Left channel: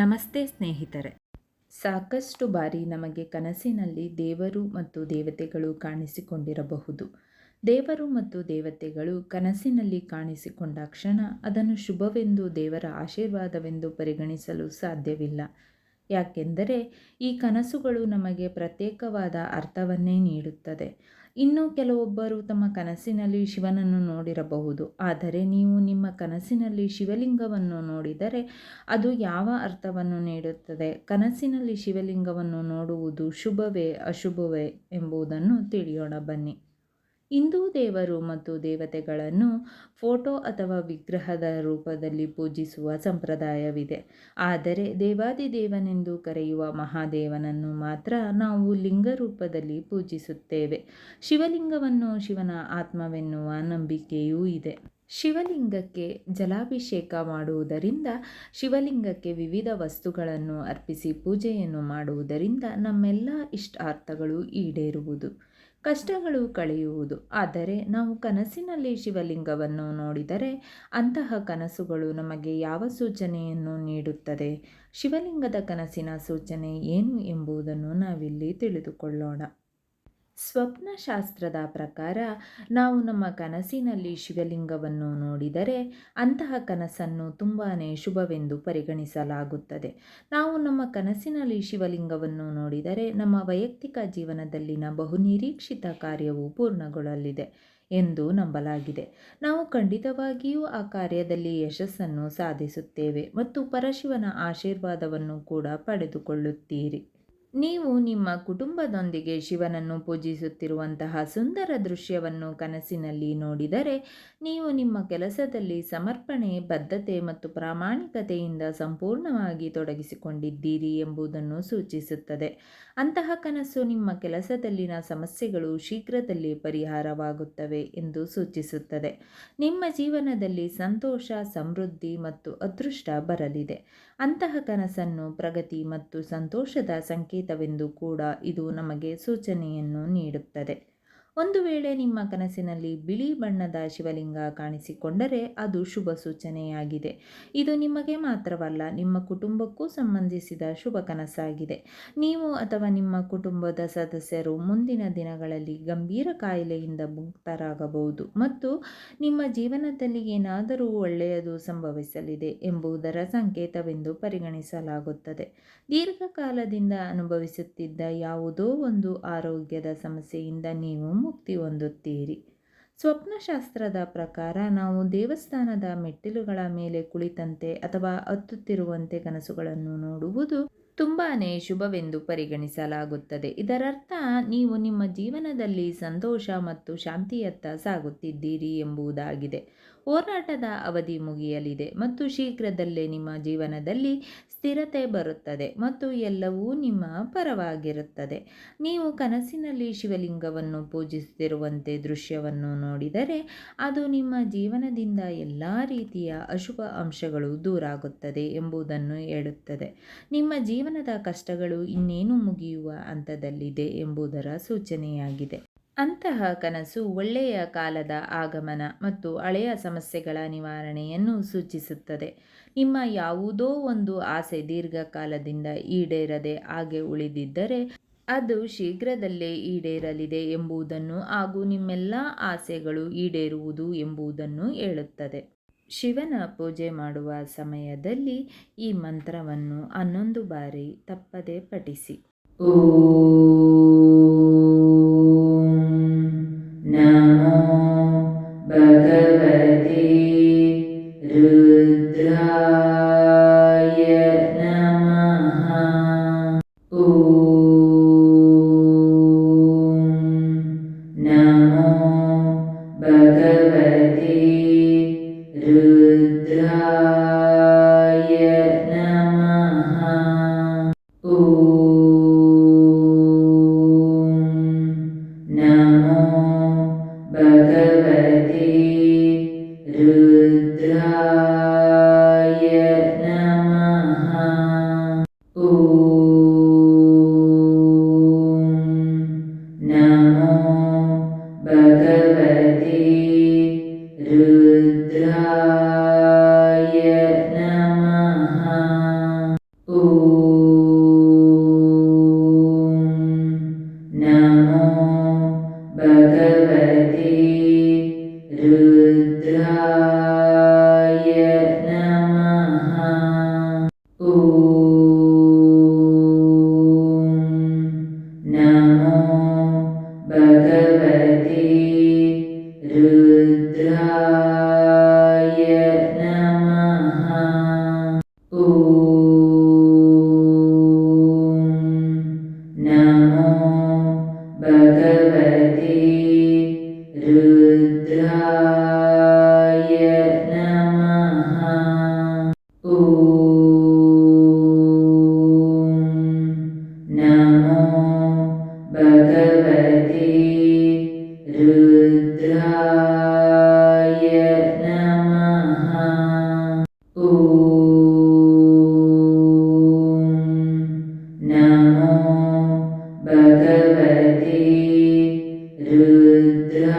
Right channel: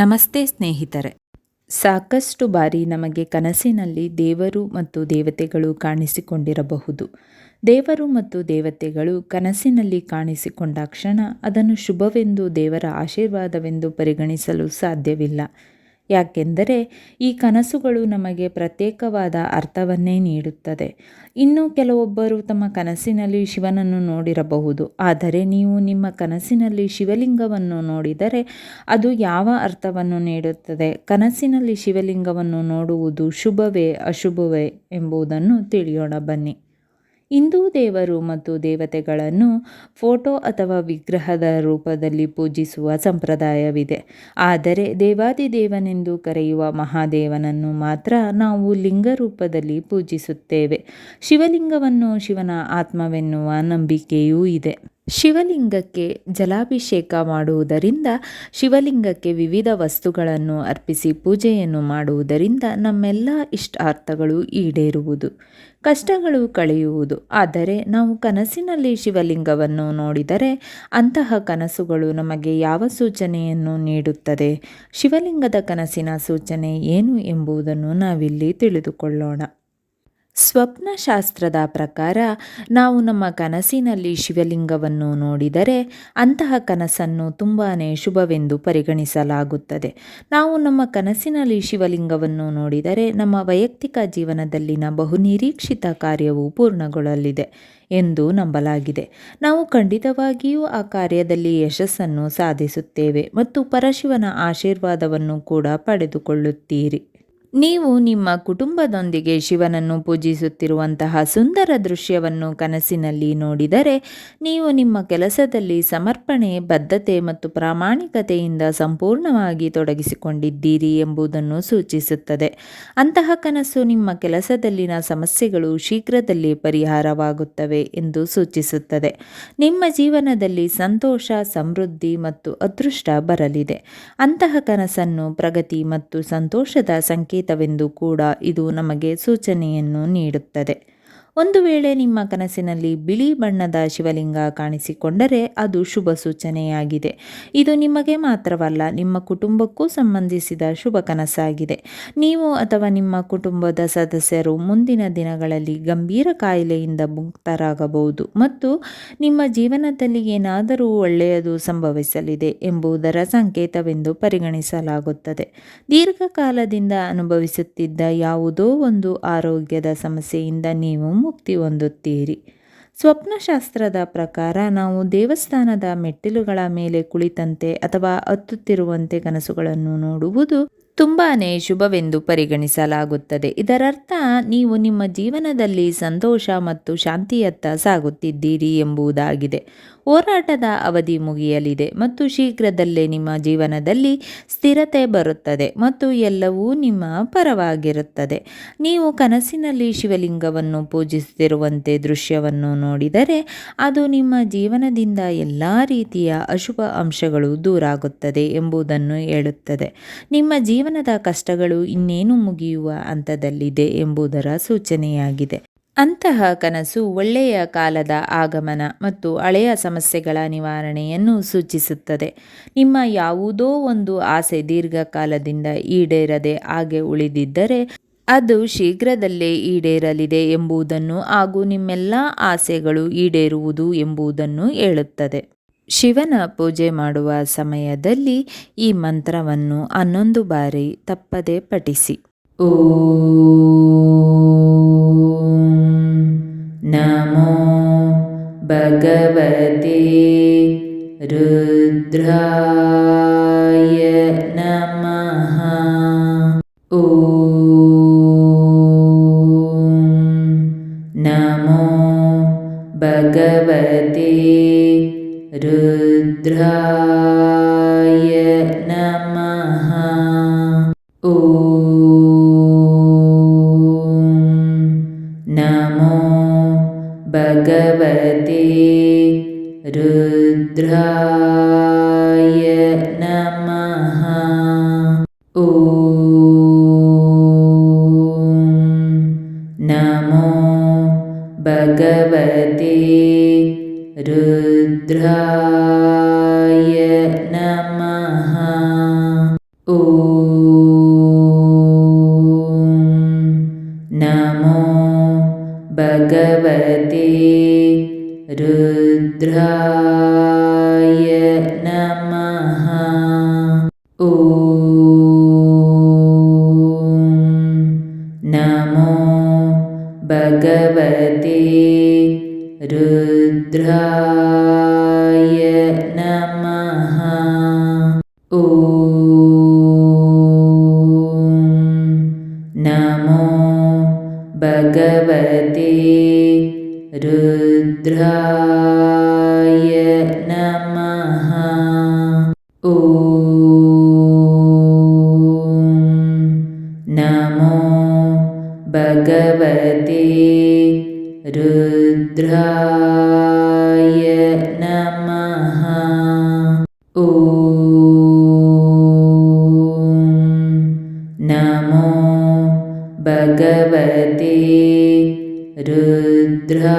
ನಮಸ್ತೆ ಸ್ನೇಹಿತರೆ. ಸಾಕಷ್ಟು ಬಾರಿ ನಮಗೆ ಕನಸಿನಲ್ಲಿ ದೇವರು ಮತ್ತು ದೇವತೆಗಳು ಕಾಣಿಸಿಕೊಂಡಿರಬಹುದು. ದೇವರು ಮತ್ತು ದೇವತೆಗಳು ಕನಸಿನಲ್ಲಿ ಕಾಣಿಸಿಕೊಂಡ ಕ್ಷಣ ಅದನ್ನು ಶುಭವೆಂದು ದೇವರ ಆಶೀರ್ವಾದವೆಂದು ಪರಿಗಣಿಸಲು ಸಾಧ್ಯವಿಲ್ಲ. ಯಾಕೆಂದರೆ ಈ ಕನಸುಗಳು ನಮಗೆ ಪ್ರತ್ಯೇಕವಾದ ಅರ್ಥವನ್ನೇ ನೀಡುತ್ತದೆ. ಇನ್ನು ಕೆಲವೊಬ್ಬರು ತಮ್ಮ ಕನಸಿನಲ್ಲಿ ಶಿವನನ್ನು ನೋಡಿರಬಹುದು. ಆದರೆ ನೀವು ನಿಮ್ಮ ಕನಸಿನಲ್ಲಿ ಶಿವಲಿಂಗವನ್ನು ನೋಡಿದರೆ ಅದು ಯಾವ ಅರ್ಥವನ್ನು ನೀಡುತ್ತದೆ? ಕನಸಿನಲ್ಲಿ ಶಿವಲಿಂಗವನ್ನು ನೋಡುವುದು ಶುಭವೇ, ಅಶುಭವೇ ಎಂಬುದನ್ನು ತಿಳಿಯೋಣ ಬನ್ನಿ. ಹಿಂದೂ ದೇವರು ಮತ್ತು ದೇವತೆಗಳನ್ನು ಫೋಟೋ ಅಥವಾ ವಿಗ್ರಹದ ರೂಪದಲ್ಲಿ ಪೂಜಿಸುವ ಸಂಪ್ರದಾಯವಿದೆ. ಆದರೆ ದೇವಾದಿದೇವನೆಂದು ಕರೆಯುವ ಮಹಾದೇವನನ್ನು ಮಾತ್ರ ನಾವು ಲಿಂಗ ರೂಪದಲ್ಲಿ ಪೂಜಿಸುತ್ತೇವೆ. ಶಿವಲಿಂಗವನ್ನು ಶಿವನ ಆತ್ಮವೆನ್ನುವ ನಂಬಿಕೆಯೂ ಇದೆ. ಶಿವಲಿಂಗಕ್ಕೆ ಜಲಾಭಿಷೇಕ ಮಾಡುವುದರಿಂದ, ಶಿವಲಿಂಗಕ್ಕೆ ವಿವಿಧ ವಸ್ತುಗಳನ್ನು ಅರ್ಪಿಸಿ ಪೂಜೆಯನ್ನು ಮಾಡುವುದರಿಂದ ನಮ್ಮೆಲ್ಲ ಇಷ್ಟಾರ್ಥಗಳು ಈಡೇರುವುದು. ಕಷ್ಟಗಳು ಕಳೆಯುವುದು. ಆದರೆ ನಾವು ಕನಸಿನಲ್ಲಿ ಶಿವಲಿಂಗವನ್ನು ನೋಡಿದರೆ ಅಂತಹ ಕನಸುಗಳು ನಮಗೆ ಯಾವ ಸೂಚನೆಯನ್ನು ನೀಡುತ್ತದೆ? ಶಿವಲಿಂಗದ ಕನಸಿನ ಸೂಚನೆ ಏನು ಎಂಬುದನ್ನು ನಾವಿಲ್ಲಿ ತಿಳಿದುಕೊಳ್ಳೋಣ. ಸ್ವಪ್ನಶಾಸ್ತ್ರದ ಪ್ರಕಾರ ನಾವು ನಮ್ಮ ಕನಸಿನಲ್ಲಿ ಶಿವಲಿಂಗವನ್ನು ನೋಡಿದರೆ ಅಂತಹ ಕನಸನ್ನು ತುಂಬಾ ಶುಭವೆಂದು ಪರಿಗಣಿಸಲಾಗುತ್ತದೆ. ನಾವು ನಮ್ಮ ಕನಸಿನಲ್ಲಿ ಶಿವಲಿಂಗವನ್ನು ನೋಡಿದರೆ ನಮ್ಮ ವೈಯಕ್ತಿಕ ಜೀವನದಲ್ಲಿನ ಬಹುನಿರೀಕ್ಷಿತ ಕಾರ್ಯವು ಪೂರ್ಣಗೊಳ್ಳಲಿದೆ ಎಂದು ನಂಬಲಾಗಿದೆ. ನಾವು ಖಂಡಿತವಾಗಿಯೂ ಆ ಕಾರ್ಯದಲ್ಲಿ ಯಶಸ್ಸನ್ನು ಸಾಧಿಸುತ್ತೇವೆ ಮತ್ತು ಪರಶಿವನ ಆಶೀರ್ವಾದವನ್ನು ಕೂಡ ಪಡೆದುಕೊಳ್ಳುತ್ತೀರಿ. ನೀವು ನಿಮ್ಮ ಕುಟುಂಬದೊಂದಿಗೆ ಶಿವನನ್ನು ಪೂಜಿಸುತ್ತಿರುವಂತಹ ಸುಂದರ ದೃಶ್ಯವನ್ನು ಕನಸಿನಲ್ಲಿ ನೋಡಿದರೆ ನೀವು ನಿಮ್ಮ ಕೆಲಸದಲ್ಲಿ ಸಮರ್ಪಣೆ, ಬದ್ಧತೆ ಮತ್ತು ಪ್ರಾಮಾಣಿಕತೆಯಿಂದ ಸಂಪೂರ್ಣವಾಗಿ ತೊಡಗಿಸಿಕೊಂಡಿದ್ದೀರಿ ಎಂಬುದನ್ನು ಸೂಚಿಸುತ್ತದೆ. ಅಂತಹ ಕನಸು ನಿಮ್ಮ ಕೆಲಸದಲ್ಲಿನ ಸಮಸ್ಯೆಗಳು ಶೀಘ್ರದಲ್ಲಿ ಪರಿಹಾರವಾಗುತ್ತವೆ ಎಂದು ಸೂಚಿಸುತ್ತದೆ. ನಿಮ್ಮ ಜೀವನದಲ್ಲಿ ಸಂತೋಷ, ಸಮೃದ್ಧಿ ಮತ್ತು ಅದೃಷ್ಟ ಬರಲಿದೆ. ಅಂತಹ ಕನಸನ್ನು ಪ್ರಗತಿ ಮತ್ತು ಸಂತೋಷದ ಸಂಕೇತ ಸಂಕೇತವೆಂದು ಕೂಡ ಇದು ನಮಗೆ ಸೂಚನೆಯನ್ನು ನೀಡುತ್ತದೆ. ಒಂದು ವೇಳೆ ನಿಮ್ಮ ಕನಸಿನಲ್ಲಿ ಬಿಳಿ ಬಣ್ಣದ ಶಿವಲಿಂಗ ಕಾಣಿಸಿಕೊಂಡರೆ ಅದು ಶುಭ ಸೂಚನೆಯಾಗಿದೆ. ಇದು ನಿಮಗೆ ಮಾತ್ರವಲ್ಲ, ನಿಮ್ಮ ಕುಟುಂಬಕ್ಕೂ ಸಂಬಂಧಿಸಿದ ಶುಭ ಕನಸಾಗಿದೆ. ನೀವು ಅಥವಾ ನಿಮ್ಮ ಕುಟುಂಬದ ಸದಸ್ಯರು ಮುಂದಿನ ದಿನಗಳಲ್ಲಿ ಗಂಭೀರ ಕಾಯಿಲೆಯಿಂದ ಮುಕ್ತರಾಗಬಹುದು ಮತ್ತು ನಿಮ್ಮ ಜೀವನದಲ್ಲಿ ಏನಾದರೂ ಒಳ್ಳೆಯದು ಸಂಭವಿಸಲಿದೆ ಎಂಬುದರ ಸಂಕೇತವೆಂದು ಪರಿಗಣಿಸಲಾಗುತ್ತದೆ. ದೀರ್ಘಕಾಲದಿಂದ ಅನುಭವಿಸುತ್ತಿದ್ದ ಯಾವುದೋ ಒಂದು ಆರೋಗ್ಯದ ಸಮಸ್ಯೆಯಿಂದ ನೀವು ಮುಕ್ತಿ ಹೊಂದುತ್ತೀರಿ. ಸ್ವಪ್ನಶಾಸ್ತ್ರದ ಪ್ರಕಾರ ನಾವು ದೇವಸ್ಥಾನದ ಮೆಟ್ಟಿಲುಗಳ ಮೇಲೆ ಕುಳಿತಂತೆ ಅಥವಾ ಹತ್ತುತ್ತಿರುವಂತೆ ಕನಸುಗಳನ್ನು ನೋಡುವುದು ತುಂಬಾ ಶುಭವೆಂದು ಪರಿಗಣಿಸಲಾಗುತ್ತದೆ. ಇದರರ್ಥ, ನೀವು ನಿಮ್ಮ ಜೀವನದಲ್ಲಿ ಸಂತೋಷ ಮತ್ತು ಶಾಂತಿಯತ್ತ ಸಾಗುತ್ತಿದ್ದೀರಿ ಎಂಬುದಾಗಿದೆ. ಹೋರಾಟದ ಅವಧಿ ಮುಗಿಯಲಿದೆ ಮತ್ತು ಶೀಘ್ರದಲ್ಲೇ ನಿಮ್ಮ ಜೀವನದಲ್ಲಿ ಸ್ಥಿರತೆ ಬರುತ್ತದೆ ಮತ್ತು ಎಲ್ಲವೂ ನಿಮ್ಮ ಪರವಾಗಿರುತ್ತದೆ. ನೀವು ಕನಸಿನಲ್ಲಿ ಶಿವಲಿಂಗವನ್ನು ಪೂಜಿಸುತ್ತಿರುವಂತೆ ದೃಶ್ಯವನ್ನು ನೋಡಿದರೆ ಅದು ನಿಮ್ಮ ಜೀವನದಿಂದ ಎಲ್ಲ ರೀತಿಯ ಅಶುಭ ಅಂಶಗಳು ದೂರಾಗುತ್ತದೆ ಎಂಬುದನ್ನು ಹೇಳುತ್ತದೆ. ನಿಮ್ಮ ಜೀವನದ ಕಷ್ಟಗಳು ಇನ್ನೇನು ಮುಗಿಯುವ ಹಂತದಲ್ಲಿದೆ ಎಂಬುದರ ಸೂಚನೆಯಾಗಿದೆ. ಅಂತಹ ಕನಸು ಒಳ್ಳೆಯ ಕಾಲದ ಆಗಮನ ಮತ್ತು ಹಳೆಯ ಸಮಸ್ಯೆಗಳ ನಿವಾರಣೆಯನ್ನು ಸೂಚಿಸುತ್ತದೆ. ನಿಮ್ಮ ಯಾವುದೋ ಒಂದು ಆಸೆ ದೀರ್ಘಕಾಲದಿಂದ ಈಡೇರದೆ ಹಾಗೆ ಉಳಿದಿದ್ದರೆ ಅದು ಶೀಘ್ರದಲ್ಲೇ ಈಡೇರಲಿದೆ ಎಂಬುದನ್ನು ಹಾಗೂ ನಿಮ್ಮೆಲ್ಲ ಆಸೆಗಳು ಈಡೇರುವುದು ಎಂಬುದನ್ನು ಹೇಳುತ್ತದೆ. ಶಿವನ ಪೂಜೆ ಮಾಡುವ ಸಮಯದಲ್ಲಿ ಈ ಮಂತ್ರವನ್ನು ಹನ್ನೊಂದು ಬಾರಿ ತಪ್ಪದೆ ಪಠಿಸಿ. ಓ भगवते रुद्रा। नमो भगवते रुद्राय नमः। ॐ नमो भगवते रुद्रा भगवते रुद्रा। रुद्राय नमः। नमो भगवते रुद्रा